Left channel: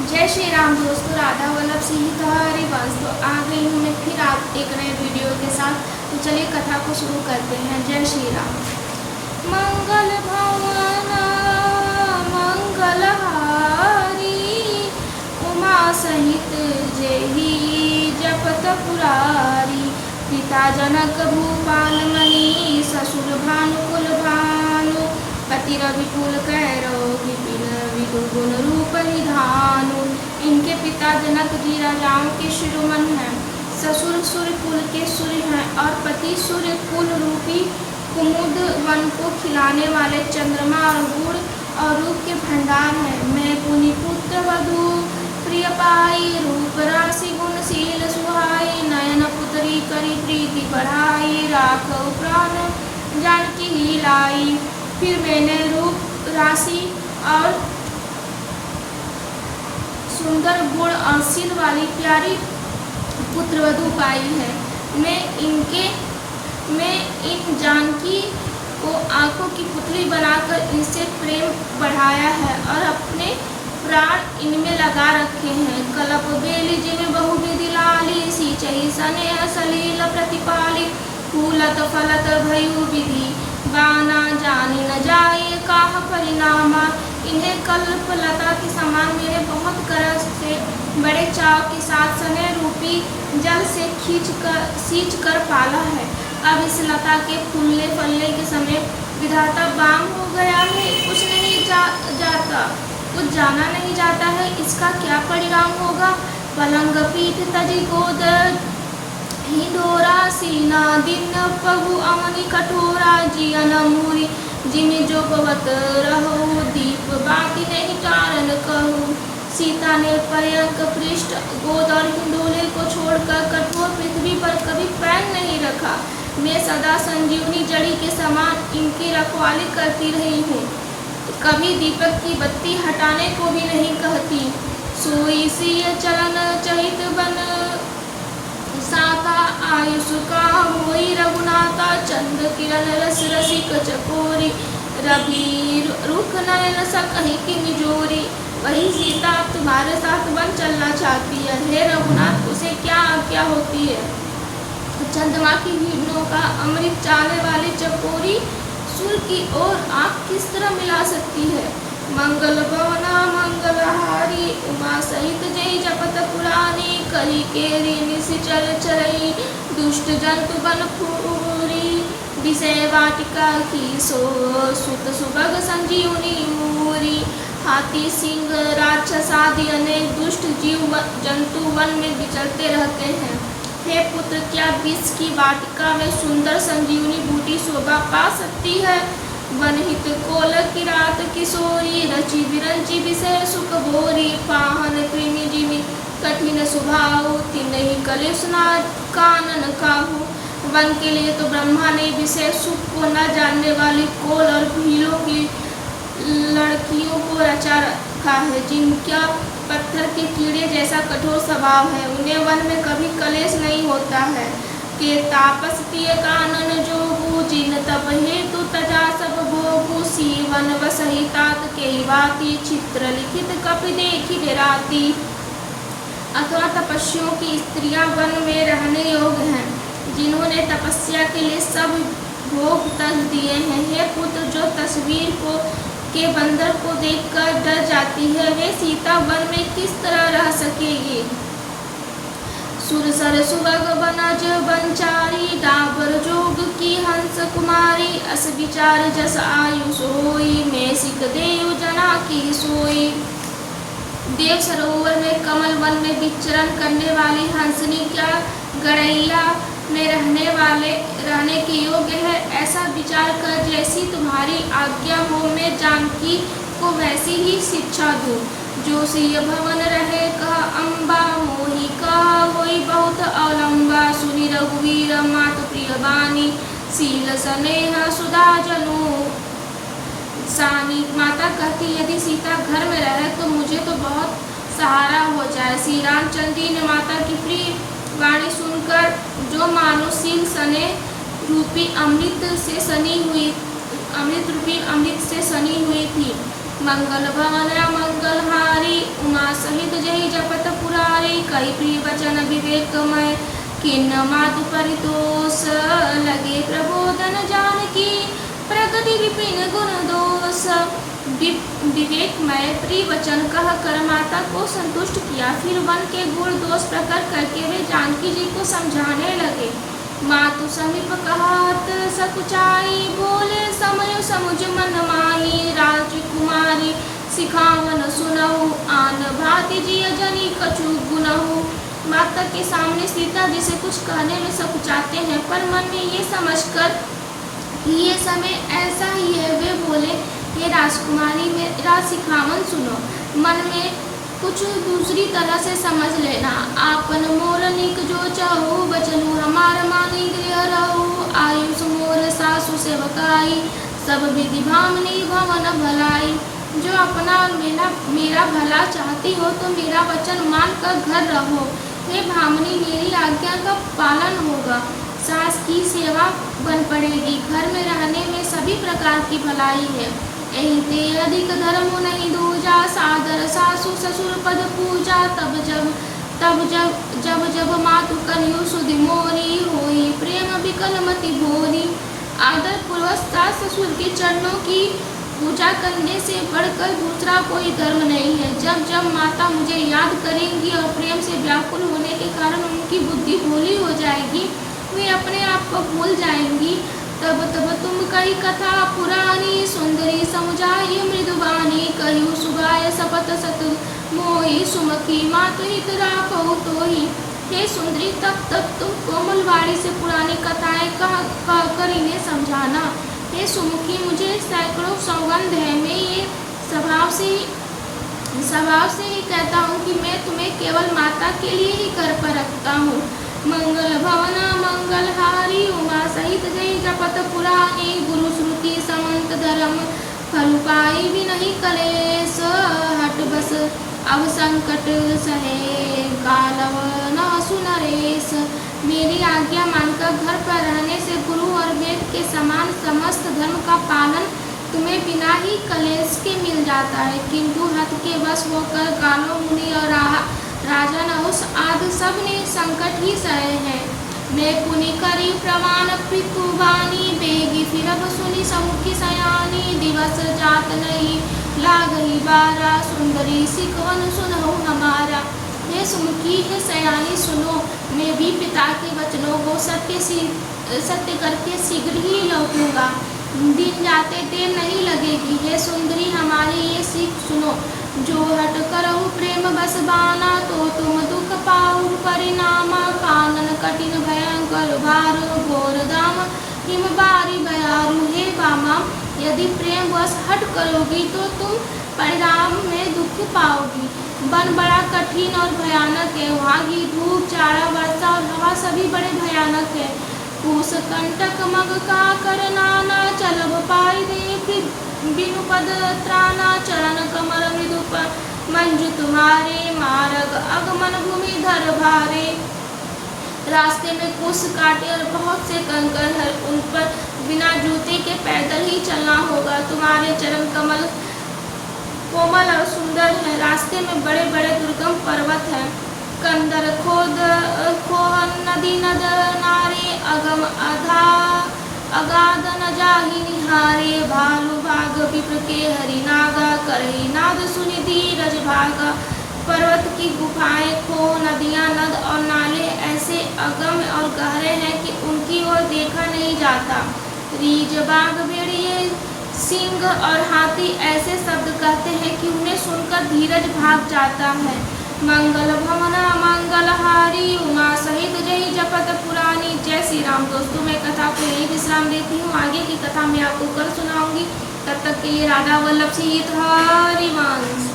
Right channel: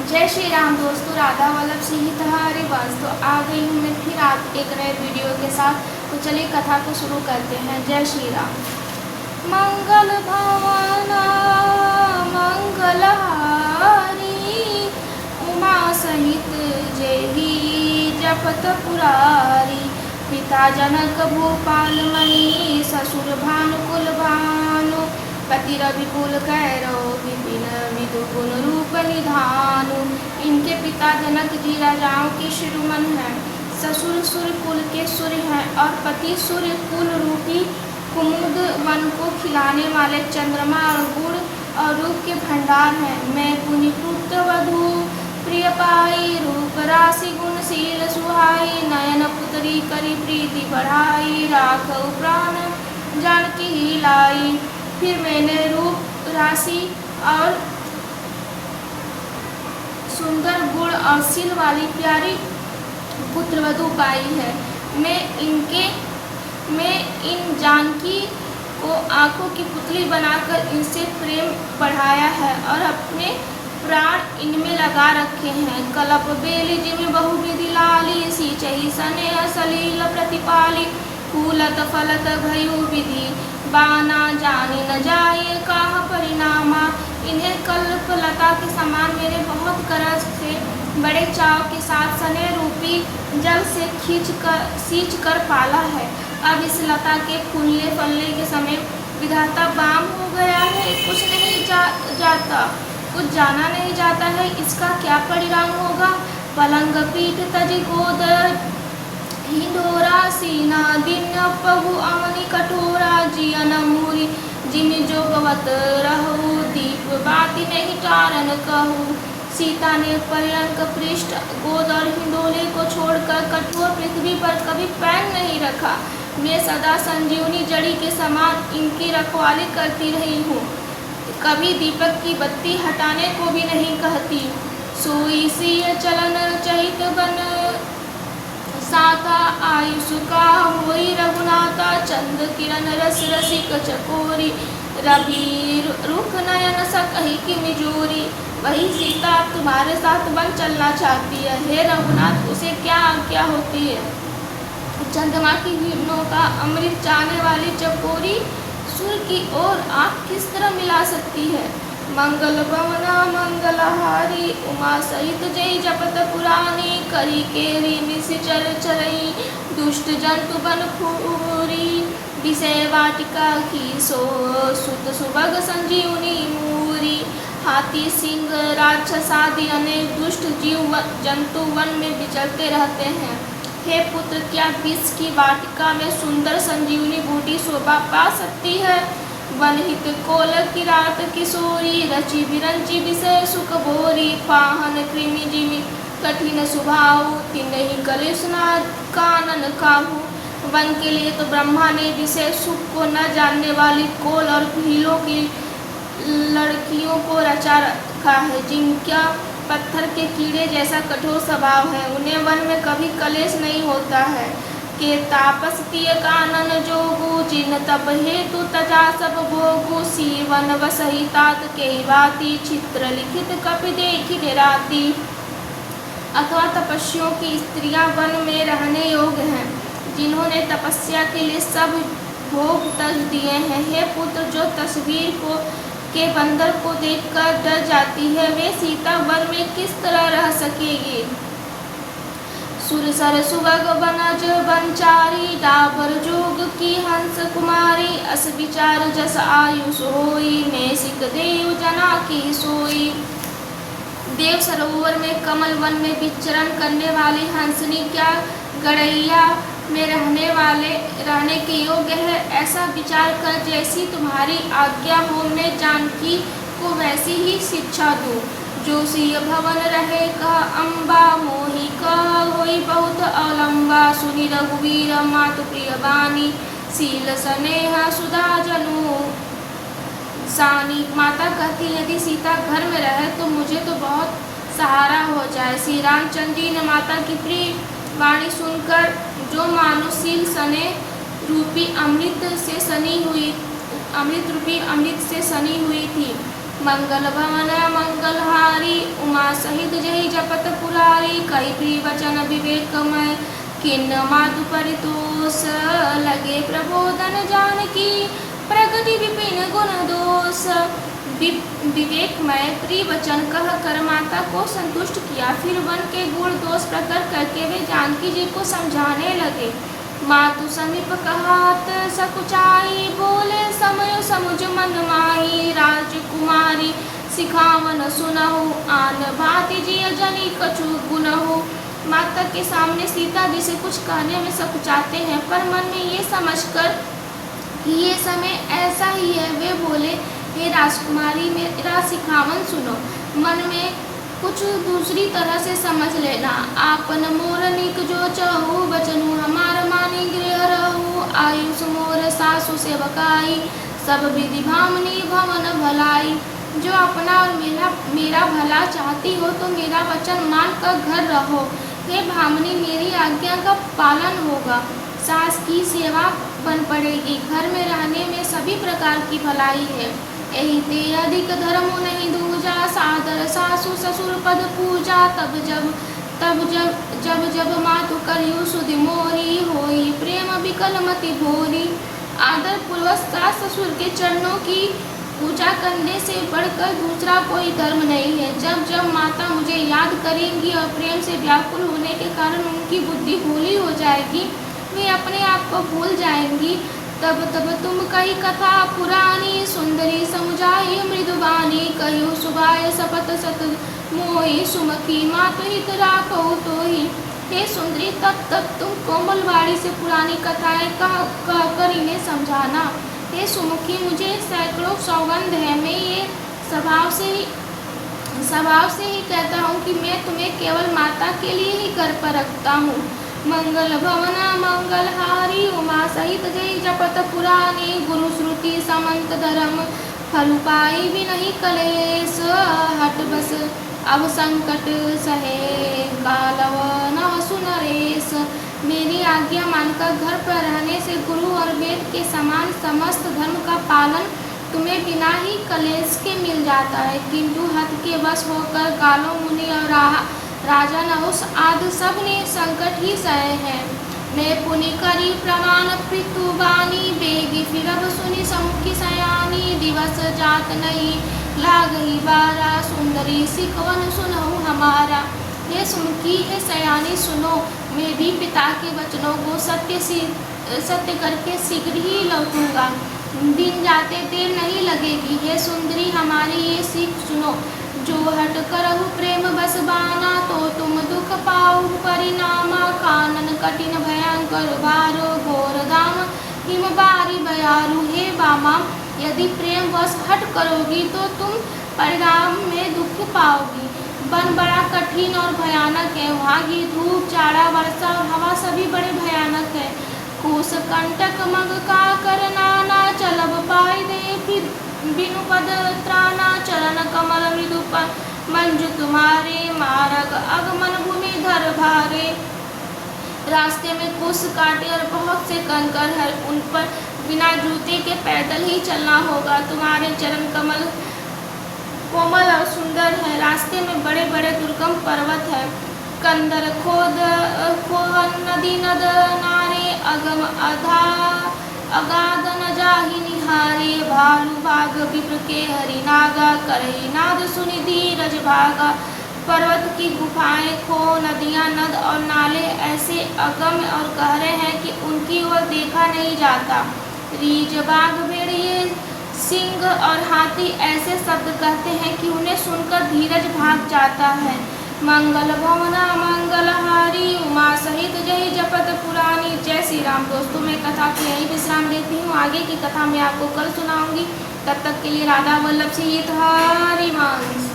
जय श्री राम दोस्तों, राधा वल्लभ सिंह हरिवंश। तो आ गई हूँ मैं फिर आप एक नए वीडियो के साथ। तो चलिए कथा को शुरू करते हैं। जय श्री राम। मंगल भवन मंगलहारी, उमा सहित जेहि जपत पुरारी। पिता जनक भूपाल मणि, ससुर भानुकुल भानु। पति रविकुल कैरव, विपिन विदु गुण रूप निधानु। इनके पिता जनक जी राजाओं के शिरोमण हैं, ससुर सूर्य कुल के सूर्य हैं और पति सूर्य कुल रूपी कुमुद वन को खिलाने वाले चंद्रमा और गुण और रूप के भंडार हैं। मैं पुनि पुत्र वधु प्रिय पाई, रूप राशि गुणशील सुहाई। नयन पुत्री करी प्रीति बढ़ाई, राखऊ प्राण जानकी ही लाई। फिर मैंने रूप राशि और सुंदर गुण और शील वाली प्यारी पुत्रवधू पाई है। मैं इन जानकी को आंखों की पुतली बनाकर इनसे प्रेम बढ़ाया है और अपने प्राण इनमें लगा रखे हैं। कलप बेली जिम बहु विधि लाली, सींचहि स्नेह सलील प्रतिपाली। फूलत फलत भयु विधि, बाना जानी न जाए काह परिणामा। इन्हें कल्पलता के समान मेरे बहुत करस से बड़े चाव के साथ स्नेह रूपी जल से सींच कर पाला है। अब इस लता के फूलने फलने के समय विधाता बाम हो गया है। कुछ नहीं जाता, कुछ जाना नहीं जाता है, इसका क्या परिणाम होगा। पलंग पीठ तज गोद हिंडोरा, सीना दिन पहु अमनि कठोरा। जियन मूरी जिमि जो पवत रहु, दीप बाती नहीं चारण कहू। सीता ने पर्यंक पृष्ठ गोद और हिंडोले को छोड़कर कठोर पृथ्वी पर कभी पैर नहीं रखा। मैं सदा संजीवनी जड़ी के समान इनकी रखवाली करती रही हूँ, कभी दीपक की बत्ती हटाने को भी नहीं कहती। सोई सिय चलन चहित बन, साता आयुष का होई रघुनाथा। चंद्र किरण रस रसिक चकोरी, रवि रुख नयन सकहि की मिजोरी। वही सीता तुम्हारे साथ वन चलना चाहती है, हे रघुनाथ उसे क्या आज्ञा होती है। चंद्रमा की किरणों का अमृत चाहने वाली चकोरी सूर्य की ओर आँख किस तरह मिला सकती है। मंगल भवना मंगलहारी, उमा सहित जय जपत पुरानी। करी केरी निशिचर चरई, दुष्ट जंतु बन फूरी। विषय वाटिका की सो, सुत सुभग संजीवनी मूरी। हाथी सिंह राक्षस आदि अनेक दुष्ट जीव जंतु वन में विचरते रहते हैं। हे पुत्र, क्या विष की वाटिका में सुंदर संजीवनी बूटी शोभा पा सकती है। वनहित कोल किरात किशोरी, रचि बिरंचि विषय सुख भोरी। पाहन कृमि जिमि कठिन सुभाऊ, तिन्हि कलिशना कानन काहू। वन के लिए तो ब्रह्मा ने विषय सुख को न जानने वाली कोल और भीलों की लड़कियों को रचा रखा है, जिनका पत्थर के कीड़े जैसा कठोर स्वभाव है। उन्हें वन में कभी कलेश नहीं होता है। के तापस तिय कानन जोगु, जिन तप हेतु तजा सब भोगु। सीवन वसहि तात के भांति, चित्र लिखित कपि देखि डेराती। अथवा तपस्वियों की स्त्रियां वन में रहने योग्य हैं, जिन्होंने तपस्या के लिए सब भोग तज दिए हैं। हे पुत्र, जो तस्वीर को के बंदर को देखकर डर जाती है, वे सीता वन में किस तरह रह सकेगी। सुरसर सुगग बनज बनचारी, डाबर जोग की हंस कुमारी। अस विचार जस आयुष होई, मैं सिक देव जना की सोई। देव सरोवर में कमल वन में विचरण करने वाली हंसनी क्या गड़ैया में रहने के योग्य है। ऐसा विचार कर जैसी तुम्हारी आज्ञा हो, मैं जानकी को वैसी ही शिक्षा दूँ। जो सिय भवन रहे कह अम्बा, मोहि कह होई बहुत अवलंबा। सुनि रघुवीर मातु प्रिय बानी, शील स्नेह सुधा जनु सानी। माता कहती यदि सीता घर में रहे तो मुझे तो बहुत सहारा हो जाए। श्री रामचंद्र जी ने माता की प्रिय वाणी सुनकर, जो मानुषील स्नेह रूपी अमृत से सनी हुई थी। मंगल भवन मंगलहारी, उमा सहित जपत पुरारी, कई प्रिय वचन विवेकमय, किन्न मातु परितोष, लगे प्रबोधन जानकी, प्रगति विपिन गुण दोष। विवेकमय प्रिय वचन कह कर माता को संतुष्ट किया, फिर वन के गुण दोष प्रकट करके वे जानकी जी को समझाने लगे। मातु समीप कहत सकुचाई, बोले समय समुझ मन माही, राजकुमारी सिखावन सुनहु, आन भांति जिय जनी कछु गुनहु। माता के सामने सीता जी से कुछ कहने में सकुचाते हैं, पर मन में ये समझकर कि ये समय ऐसा ही है, वे बोले, ये राजकुमारी मेरा सिखावन सुनो, मन में कुछ दूसरी तरह से समझ लेना। आपन मोर निक जो चाहू, बचनु हमार मानी गृह रहू, आयुष मोर सासु सेवकाई, सब विधि भामनी भवन भलाई। जो अपना और मेरा भला चाहती हो तो मेरा वचन मान कर घर रहो, हे भामनी मेरी आज्ञा का पालन होगा, सास की सेवा बन पड़ेगी, घर में रहने में सभी प्रकार की भलाई है। यही ते अधिक धर्म नहीं दूजा, सादर सासु ससुर पद पूजा, तब जब मातु करियु सुधि मोरी, होई प्रेम विकल मति भोरी। आदर पूर्वक सास ससुर के चरणों की पूजा करने से बढ़कर दूसरा कोई धर्म नहीं है। जब जब माता मुझे याद करेंगी और प्रेम से व्याकुल होने के कारण उनकी बुद्धि भूली हो जाएगी, वे अपने आप को भूल जाएंगी, तब तुम कही कथा पुरानी, सुंदरी समुझाई मृदुबानी, कहू सुभाय सपत सत मोहि, सुमखी मातु हित राखो तोहि। हे सुंदरी, तब तुम कोमल वाणी से पुरानी कथाएं कह कर इन्हें समझाना। हे सुमुखी, मुझे सैकड़ों सौगंध है, मैं ये स्वभाव से ही कहता हूँ कि मैं तुम्हें केवल माता के लिए ही घर पर रखता हूँ। मंगल भवना मंगलहारी, उमा सहित जय जपत पुरानी, गुरु श्रुति समंत धर्म, फल पाई भी नहीं कलेश, हट बस अब संकट सहे, गालव न सुनरेश। मेरी आज्ञा मानकर घर पर रहने से गुरु और वेद के समान समस्त धर्म का पालन तुम्हें बिना ही कलेश के मिल जाता है, किंतु हठ के वश होकर गालो मुनि और राजा नहुस आदि सब ने संकट ही सहे हैं। मैं पुनि करी प्रमाण पृथुवानी, बेगी फिरब सुनी समुखी सयानी, दिवस जात नहीं लागही बारा, सुंदरी सिकवन सुनहु हमारा। हे सुमुखी, हे सयानी सुनो, मैं भी पिता के वचनों को सत्य करके शीघ्र ही लौटूंगा, दिन जाते देर नहीं लगेगी। हे सुंदरी, हमारी ये सीख सुनो, जो हट करहु प्रेम बस बाना, तो तुम दुख पाऊ परिणामा, कानन कठिन भयंकर भारो, घोर दाम हिम बारी भयारु। हे बामा, यदि प्रेम वश हट करोगी तो तुम परिणाम में दुख पाओगी। वन बड़ा कठिन और भयानक है, वहाँ की धूप जाड़ा वर्षा और हवा सभी बड़े भयानक है। कुश कंटक मग का करनाना, चलब पाई दे बिनु पद त्राना, चरण कमल मृदु मंजु तुम्हारे, मार्ग अगमन भूमि धर भारे। रास्ते में कुश कांटे और बहुत से कंकर है, उन पर बिना जूते के पैदल ही चलना होगा। तुम्हारे चरण कमल कोमल और सुंदर है। रास्ते में बड़े बड़े दुर्गम पर्वत है, कंदर खोद खोह नदी नद नारे, अगम अगाध न जाहि निहारे, भालू भाग विप्र के हरि नागा, करही नाद सुनि धीरज भागा। पर्वत की गुफाएं, खो, नदियां, नद और नाले ऐसे अगम और गहरे हैं कि उनकी ओर देखा नहीं जाता। रीछ, बाघ, भेड़िए, सिंह और हाथी ऐसे शब्द कहते हैं कि उन्हें सुनकर धीरज भाग जाता है। मंगल भवना मंगलहारी, उमा सहित जय जपत पुरानी। जय श्री राम। दोस्तों, मैं कथा को यहीं विश्राम देती हूँ, आगे की कथा मैं आपको कल सुनाऊंगी। तब तक के लिए राधा वल्लभ से हित हरि वंश।